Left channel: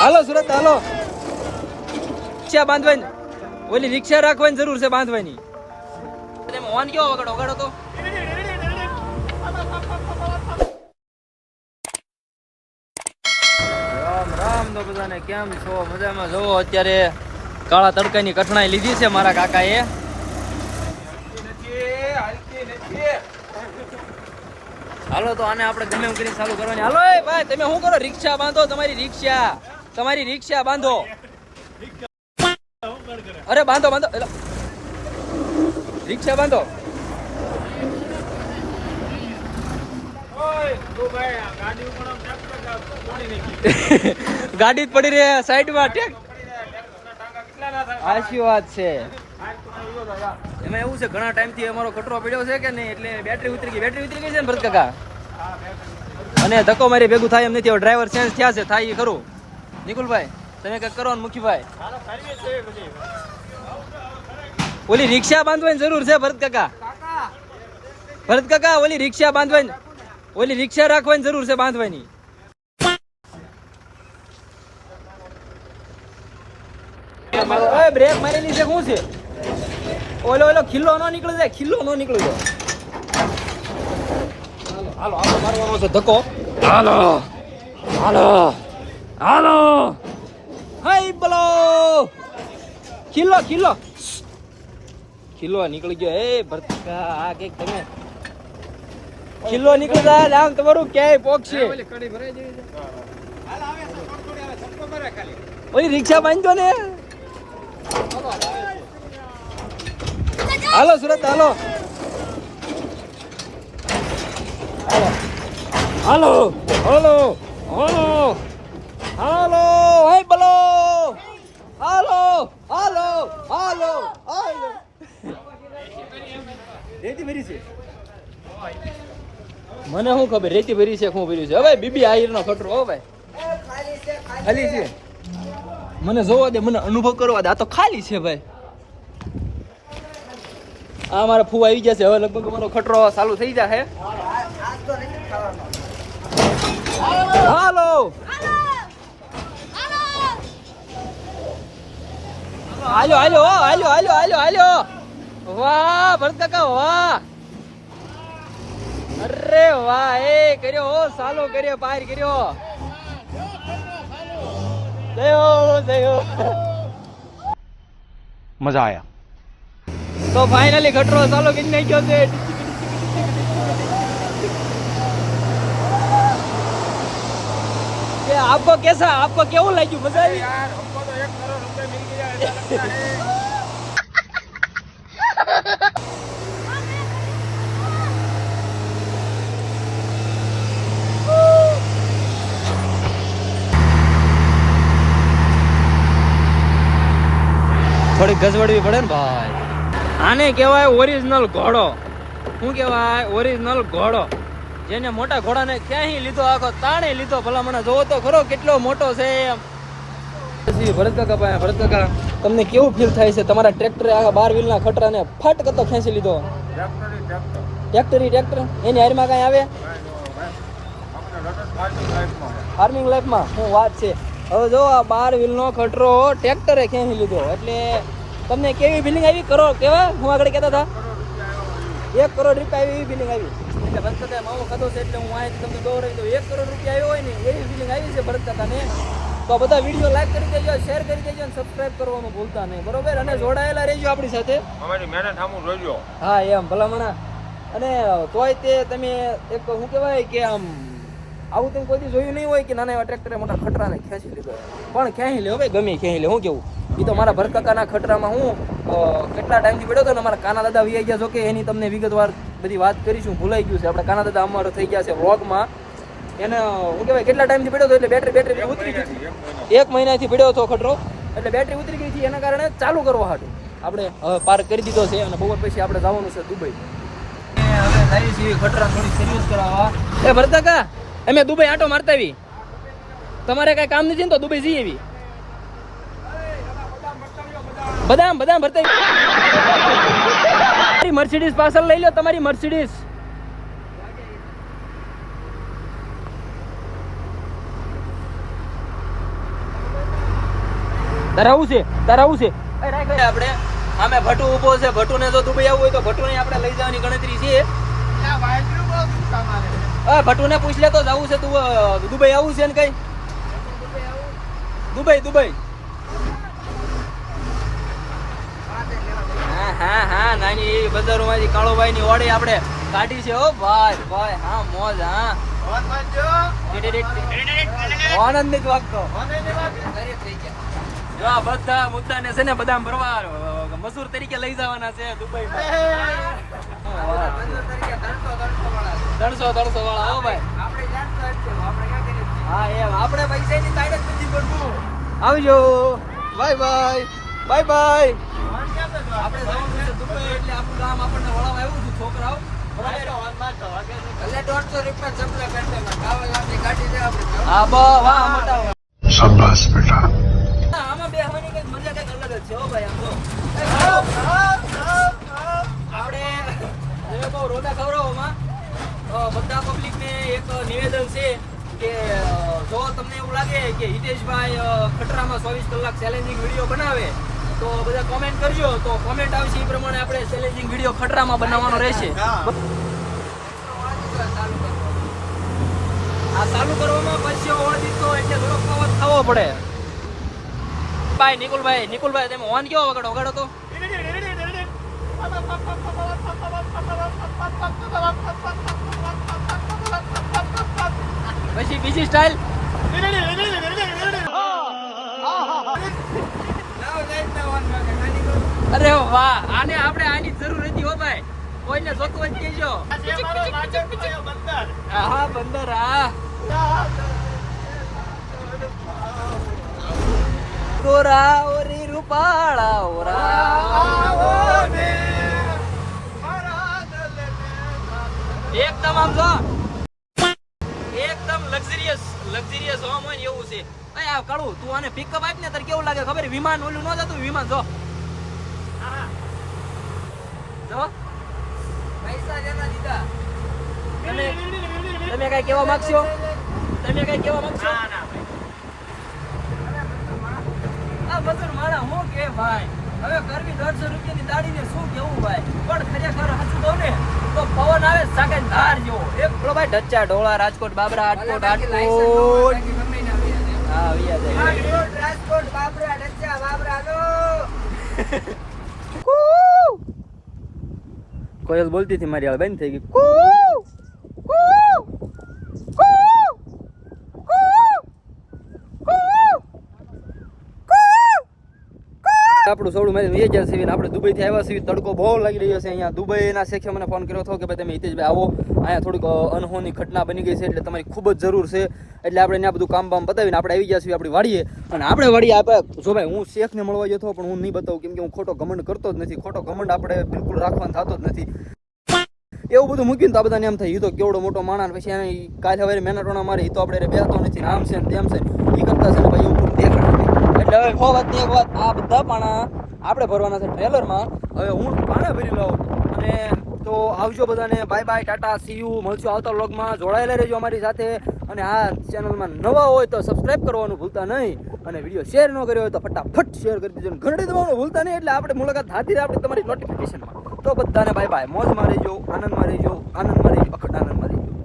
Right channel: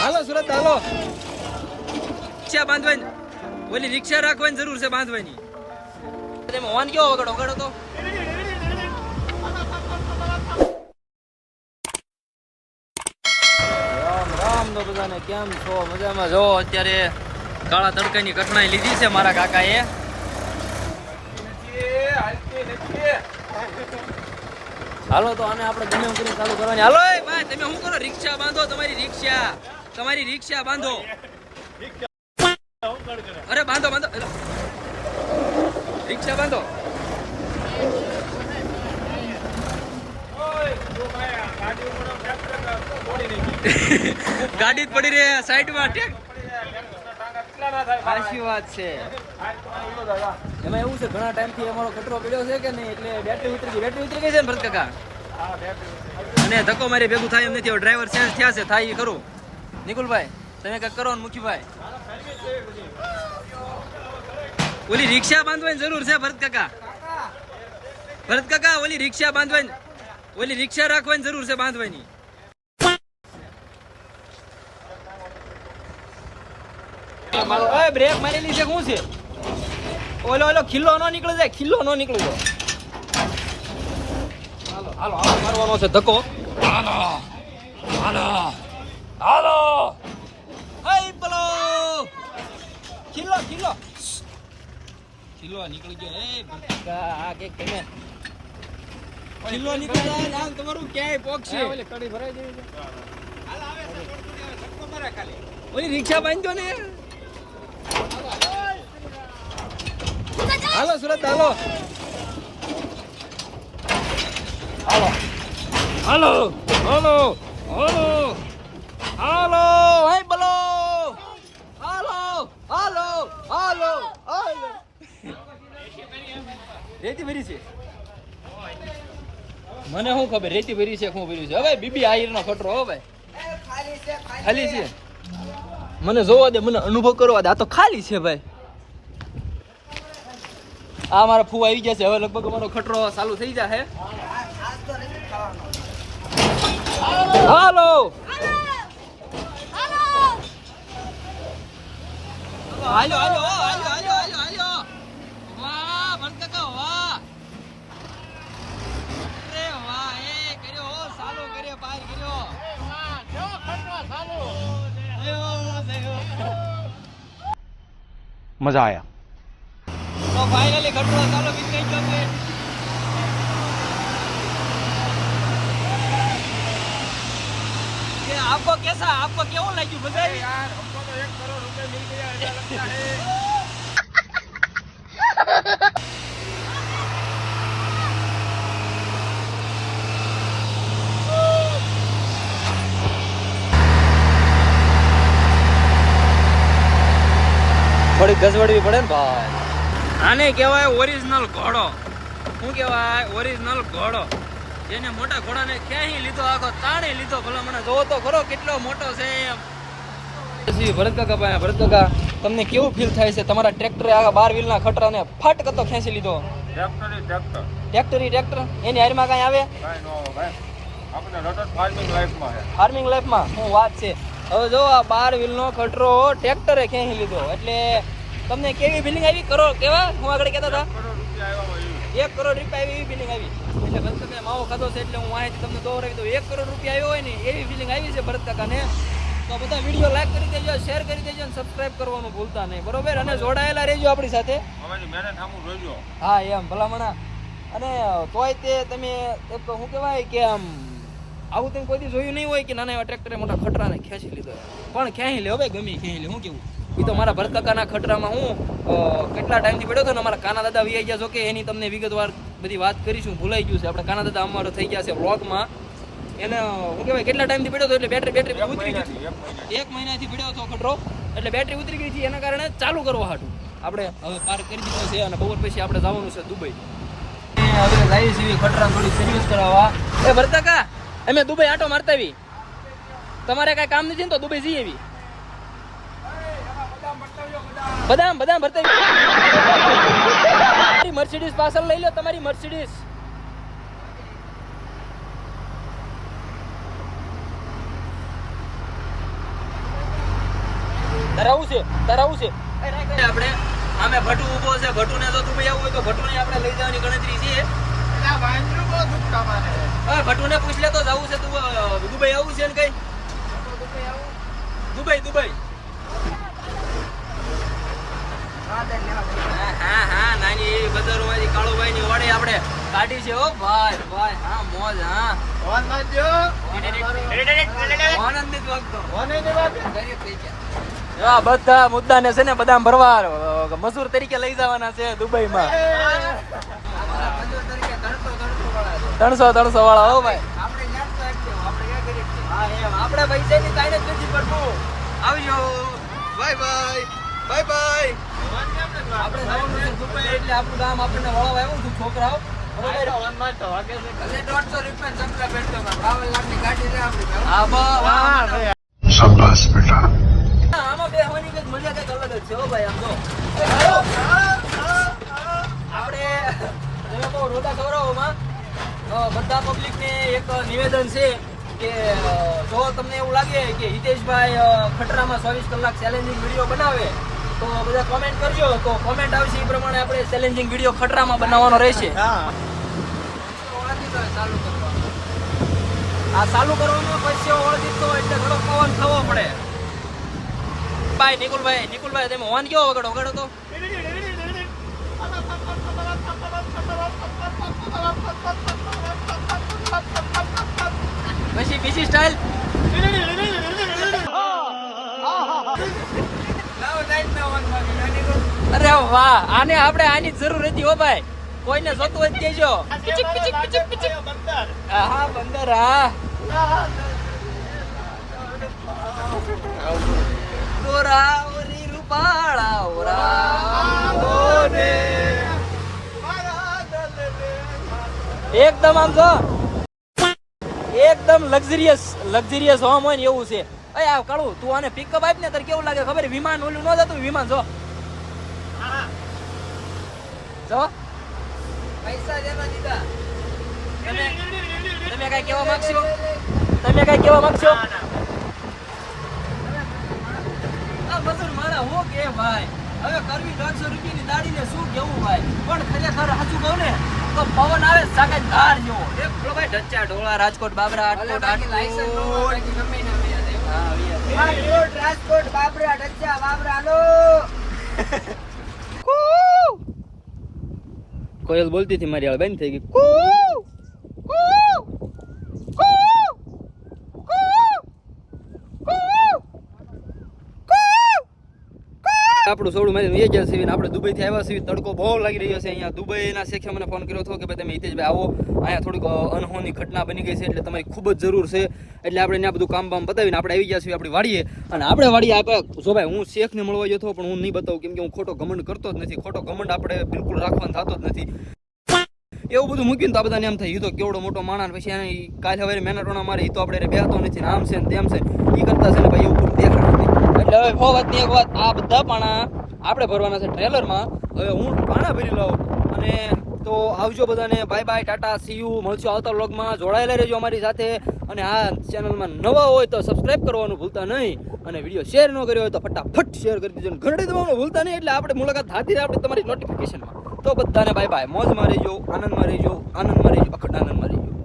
હાલો સુરત હાલો. રિક્ષા બાંધવાની, ઓલી રિક્ષા રાખવાની જરૂર છે બાંધવાની. તમે ઓન કેવો વગાડો વગાડો તો. રામ રામ તો બધાને, કેમ છો? મજામાં? જો અત્યારે કાળા તડકાની કઠણાઈ લીધી છે મારા કાકાએ. હાલો તો આને આપણે ગમે એમ કરીને ચાલુ કરવાની. હાલો એ ભાઈ, તમે શું કરો? રિક્ષા બાંધો, તમારી રિક્ષા બાંધો. અરે બાંધો બાંધો, રિક્ષા બાંધો. ગાડી જ પડી રહી સાઈડમાં. સાચી વાત છે. એમાં એવું છે, ઘણા ટાઈમ થી અમારો કચરો પડ્યો છે કે નહીં, એટલે બેટરી ઉતરી ગઈ છે ને ભરત કાકા. અને ધક્કો મારી ભેગું થાય એમ નથી. ડ્રાઈવર ચેન્જ થયા છે, થાય ખરું. નિકુલભાઈ તમે કઈક કરો ને મુખીભાઈ. ઓલી રિક્ષા બાંધવાની જરૂર છે ભરત કાકા, ઓલી રિક્ષા બાંધવાની, ઓલી રિક્ષા રાખવાની જરૂર છે બાંધવાની. બ્રેક મારેલી છે શું છે? ઓલો ખિલ્લો નો નીકળી જાય, હાલો આપણે મારવાનો છે ધક્કો. હાલો હાય બોલો. ખિલ્લો નીકળી ગયો. એ ભરતા આ કઈક તમે ખિલ્લો નીકળી જાય આમ તમારું ક્યાંય પોકશે. ઓલી રિક્ષા બાંધજો ને. હાલો સુરત હાલો. હાય બોલો. હાલો રેતી ભરી છે. મને શું ખબર રેતી ભરી છે શું ભર્યું છે? હવે બીબી આહિર નો ખતરો. હો ભાઈ ખાલી છે. મને જોવા દે, મને અનુભવ કરવા દે. આ તો ખાલી છે ભાઈ. આ મારા ફૂ આવી જશે. હવે લગભગ મારો ખટરો ચાલુ થઈ જશે. હાલો વાહ ભરત કાકા વાહ. અરે વાહ, એ કર્યો સાલો કર્યો, પાર કર્યો. मजा आया. तो फाइनली खटरो सालो कितने क्यों थे? कि आपको कैसा, आपको क्यों लगी? मजा आई यार. हमको तो 1 करोड़ रुपए मिल गया ऐसा लगता है. ગજવડવી પડે ને ભાઈ. આને કહેવાય ઓરિજિનલ ઘોડો. શું કહેવાય? ઓરિજિનલ ઘોડો. જેને મોટા ઘોડાને ક્યાંય લીધો, આખો તાણે લીધો. ભલા મને જોવો તો ખરો કેટલો મોટો છે એમ. ભરત કાકા તમને કેવું ફીલ થાય છે? તમારા ટ્રેક્ટરે આખા 12 વ્હીલના ખટરાને ફટ કરતો ખેંચી લીધો. ટ્રેક્ટર એની હારમાં કાંઈ આવે? ફાર્મિંગ લાઈફમાં શું વાત છે. હવે જો આ 12 વ્હીલનો ખટરો ટ્રેક્ટરે ખેંચી લીધો એટલે તમને કેવી ફિલિંગ આવી? કરોડ કેવા હું આગળ કહેતા હતા, 1 કરોડ રૂપિયા આવી એવી ફિલિંગ આવી. એટલે ભરત કાકા માવો ખાધો છે એટલે હું અહીંથી તમને દોરાવી દઉં. 1 કરોડ રૂપિયા આવ્યો હોય ને એવી ફિલિંગ આવી છે ભરત કાકાને. તો બધા વિડીયો લાઈક કરી દેજો, શેર કરી દેજો અને સબસ્ક્રાઇબ કરવાનું ભૂલતા નહીં, બરોબર? અને જોડાયેલા રહેજો આપણી સાથે. હા એમ ભલામણા. અને તોય તે તમે એક શું કહેવાય કે આમ આવું તમે કોઈ દી જોયું નહીં હોય કે નાના એવા ટ્રેક્ટરે મોટા ખટરાને ખેંચી લીધો. પણ ખેંચી લે ભાઈ, ગમે ખેંચી લે. શું કેવું? એ તો મારા ભરત કાકાના ખટરામાં હું કેટલા ટાઈમથી પડ્યો હતો ને, મારા કાના દાદા વી ગયા. જો કે એની તમને વિગતવાર બધી વાત કરીશું, ભૂલાઈ ગયું છે. આપણે કાના દાદા અમારો થઈ ગયા છે વ્લોગમાં. એને શું કહેવાય કેટલા ટાઈમથી પડ્યો હતો એટલે બેટરી ઉતરી ગઈ. 1 મહિનાથી પડ્યો હતો ખટરો એટલે બેટરી ઉતરી ગઈ હતી. એના કારણે ચાલુ કરવા હાટું આપણે હવે પાર્ક કરી દીધો છે. અને બપોર પછી આપણે જવાનું છે દુબઈ. હવે જાય છે ખટરા થોડી સર્વિસ કરાવવા. ભરત કાકા તમે દુબઈ આટો મારતા આવી, તમારે કઈ કામ નથી ને તો દુબઈ જઈએ એવી. બદામ ભરતા મર્સિડીઝ પાર્સલ લઈ લો. તમારી મર્સિડીઝ ધરાવું છે આપણે સામે ભટ્ટુ ઊભો છે. ભટ્ટુને જો દુબઈ આવવું હોય તો ભટ્ટુને આપણે લઈ જવાની ગણતરી છે. હા, ભટ્ટુને પૂછ લે તો જવું છે તું દુબઈ આવું છે ને કઈ દુબઈ હા નાની એવી બજારોમાંથી કાળોભાઈ ની ઓડી આપણે કાઢી છે. ઓ ભાઈ હા મોજ. હા આનંદ જ વાગતો. આ બધા મુદ્દાને છે ને બદામ ભરવા મજૂર તરીકે લઈ જવાના છે દુબઈમાં. 300 વાળા. હો ભાઈ હા એમ આપણા પૈસાની તાણ જ નથી પડતું. આવજો. બાય. આપણે જવાનું છે દુબઈ એટલે આપણું ગામ આપણને વળાવ આવ્યું હતું છોકરાઓ. શાબાશ બેટા. આમાં બેહવાની કઈક મજા કઈક અલગ જ છે. હો ભાઈ આમ જો આપણે બહુ રોડા ખવડાવવામાં બધા પબ્લિક ને એક નિવેદન છે કે જો તમને એવું લાગે કે હિતેશભાઈ ખટરામાં 24 કલાક ચેલેન્જિંગ વિડીયો બનાવે તો બધા કોમેન્ટ કરજો. તો કોમેન્ટ આવશે એ પ્રમાણે આપણે ચેલેન્જિંગ વિડીયો ખટરામાં બનાવવાનો રહેશે. આ ચાલુ કરવામાં પછી વળતી તો એટલે થોડો પવન થવો પડે. ભાઈ નિકુલભાઈ તમે હોર્ન કેવો વગાડો તો પછી બીજી સ્ટાઇલ. અરે વાહ, આને આપણે આની જરૂર હતી. હો ભાઈ કોઈને જોતું હોય કેજો. હા બંદર. હા ગોરા ઓરી રૂપાળા ઓરા એકદમ આમ જો એકદમ લક્ઝરિયસ હોમ હોય ને એવું છે. અરે આ કાળું તું આને પિકઅપ આપ ને તારે કેવું લાગે ખબર? વિમાન ઓલું ન જતું વિમાન. જો પૈસા જેના દીધા. તમે કઈ કેવા માંગશો? આ મજૂર મારા હું કે ભાઈ હવે કરવી 150 રૂપિયાની દાડીને શું કેવું ભાઈ. પણ ખરેખર સાચું કહું ને તો પવન આવે સાકે ધાર જેવો. એક પેલો ભાઈ ઢચ્ચા ઢોળા રાજકોટ બાબરા રાજકોટ હા રાજકોટ બાબરા ઢચ્ચા બાબરા હાલો. કોયલ બોલતી હતી મારી હાલ બંધ થઈ ગઈ. આપણું સોડું મારી એ ગયા છે. આપણે દુબઈથી આવ્યા છીએ. તડકો બહુ લાગી રહ્યો છે અહીંયા. દુબઈના શેખે મને ફોન કર્યો હતો કે ભાઈ તમે હિતેશભાઈ આવો, અહીંયા થોડીક અનહોની ઘટના બની ગઈ છે એટલે તમારી ખૂબ જ જરૂર છે. એટલે આપણે ત્યાં બધું કામ પતાવીને આપણે આવી ગયા છીએ આપણી વાડીએ. અને આપણે વાડીએ આપણે જો ભાઈ હું શેખને મળવા ગયો હતો પણ હું નહીં બતાવું કેમ કે હું ખોટો ઘમંડ કરતો જ નથી. ખોટો ઘમંડ આપણે બિલકુલ રાખવાનો થતો જ નથી. એવું બધું મૂક્યું તો આ બધાને એમ થાય એ તો કેવડો મોટો માણસ. પછી એને કાલે હવે મહેનતોના મારે એ તો આપણે બેહતો નથી આમ છે ને તેમ છે એ કરતા છે ને ભાઈ એવું દેખાડે નથી. એટલે હવે એક વાત આ બધા પાણા આપણે ભરવાના છે ટ્રેલરમાં. હવે હું પાણા ભરી લઉં અને તો આવજો બધાને. By Tata C you. મળશું આવતા વ્લોગમાં. જોડાયેલા રહેજો અમારી સાથે. અને આ ચેનલમાં નવા હોય તો સબસ્ક્રાઇબ કરવાનું ભૂલતા નહીં. અને વિડીયો શેર ન કર્યો હોય તો ફટાફટ શેર કરી દેજો. ઘંટડી દબાવવાનું ભૂલતા નહીં. એટલે આપણે મુલાકાત હાથી આપણે તમારી નોટિફિકેશનમાં. તો બધાને બાય મોજમાં રહેજો, આનંદમાં રહેજો, અખંડ આનંદમાં રહેજો.